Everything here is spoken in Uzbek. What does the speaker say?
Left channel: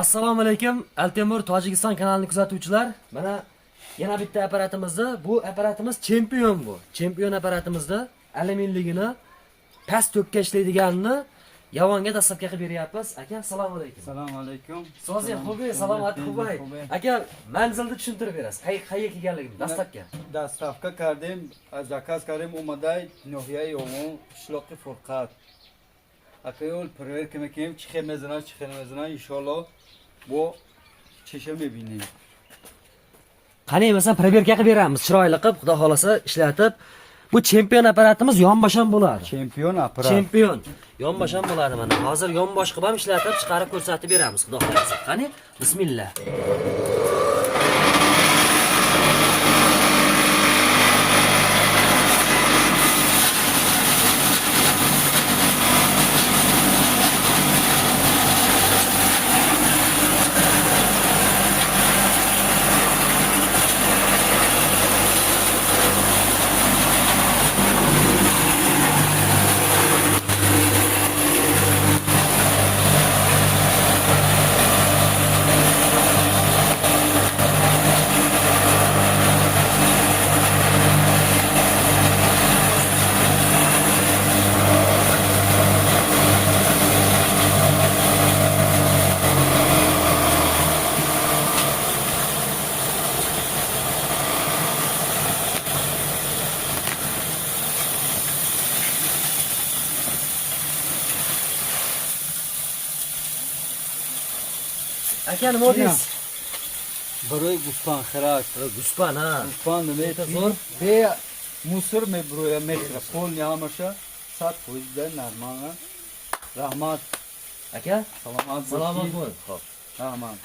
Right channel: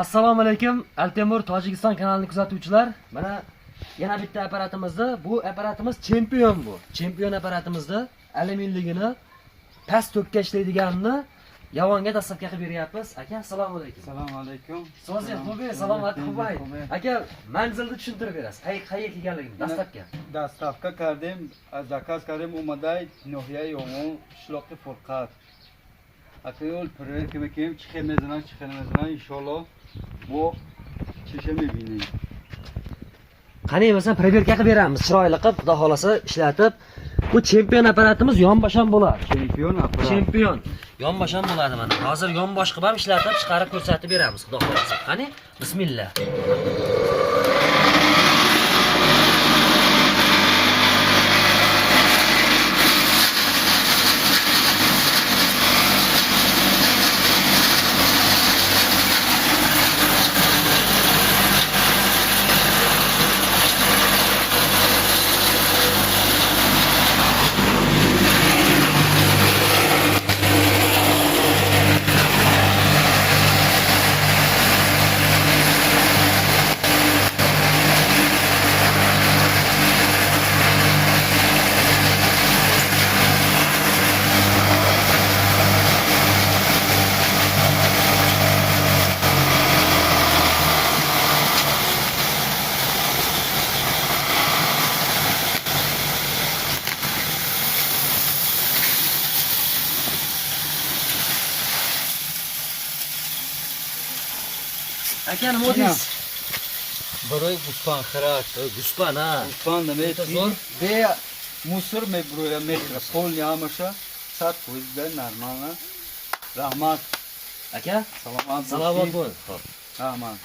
Assalomu alaykum, Altemur Tojikiston kanalini kuzatuvchilar. Mana yana bitta aparatimizda, bu aparatimiz chempion bu. Chempion aparatimizda alyuminligini past to'kka ishlaydiganini Yavonga dastlabki qilib beryapmiz. Aka, assalomu alaykum. Assalomu alaykum. So'zi xo'bi, salomat xo'bay. Aka, manzilni tushuntirib berasiz. Qayerga kelganligini dastlabki. Dastlabki kardim, zakaz kardim omaday nohiya yo'g'on ishloqi furqat. Aqol proverka mekim chiqamazdan inshaalloh bu chesha mebining. Qani masalan proverka qilib beramiz, chiroyli qilib, xudo xolasa ishlatib. Bu chempion aparatimiz yonbosham bo'ladi. Chempion aparat. Chempion. Yonbosham bo'ladi mana. Hozir yonbosh qilib ham ishlatib, chiqarib ko'rsatib beramiz, xudo xolasa. Qani, bismillah. Aka, nima deysiz? Biroy guspan xirak. Guspan, ha. Guspan nima? Zo'r. Be musor me broya metra. Pol yamasha sat qo'yda normal. Rahmat. Aka, Salomat salomat bo'l. Xo'p. Rahmat.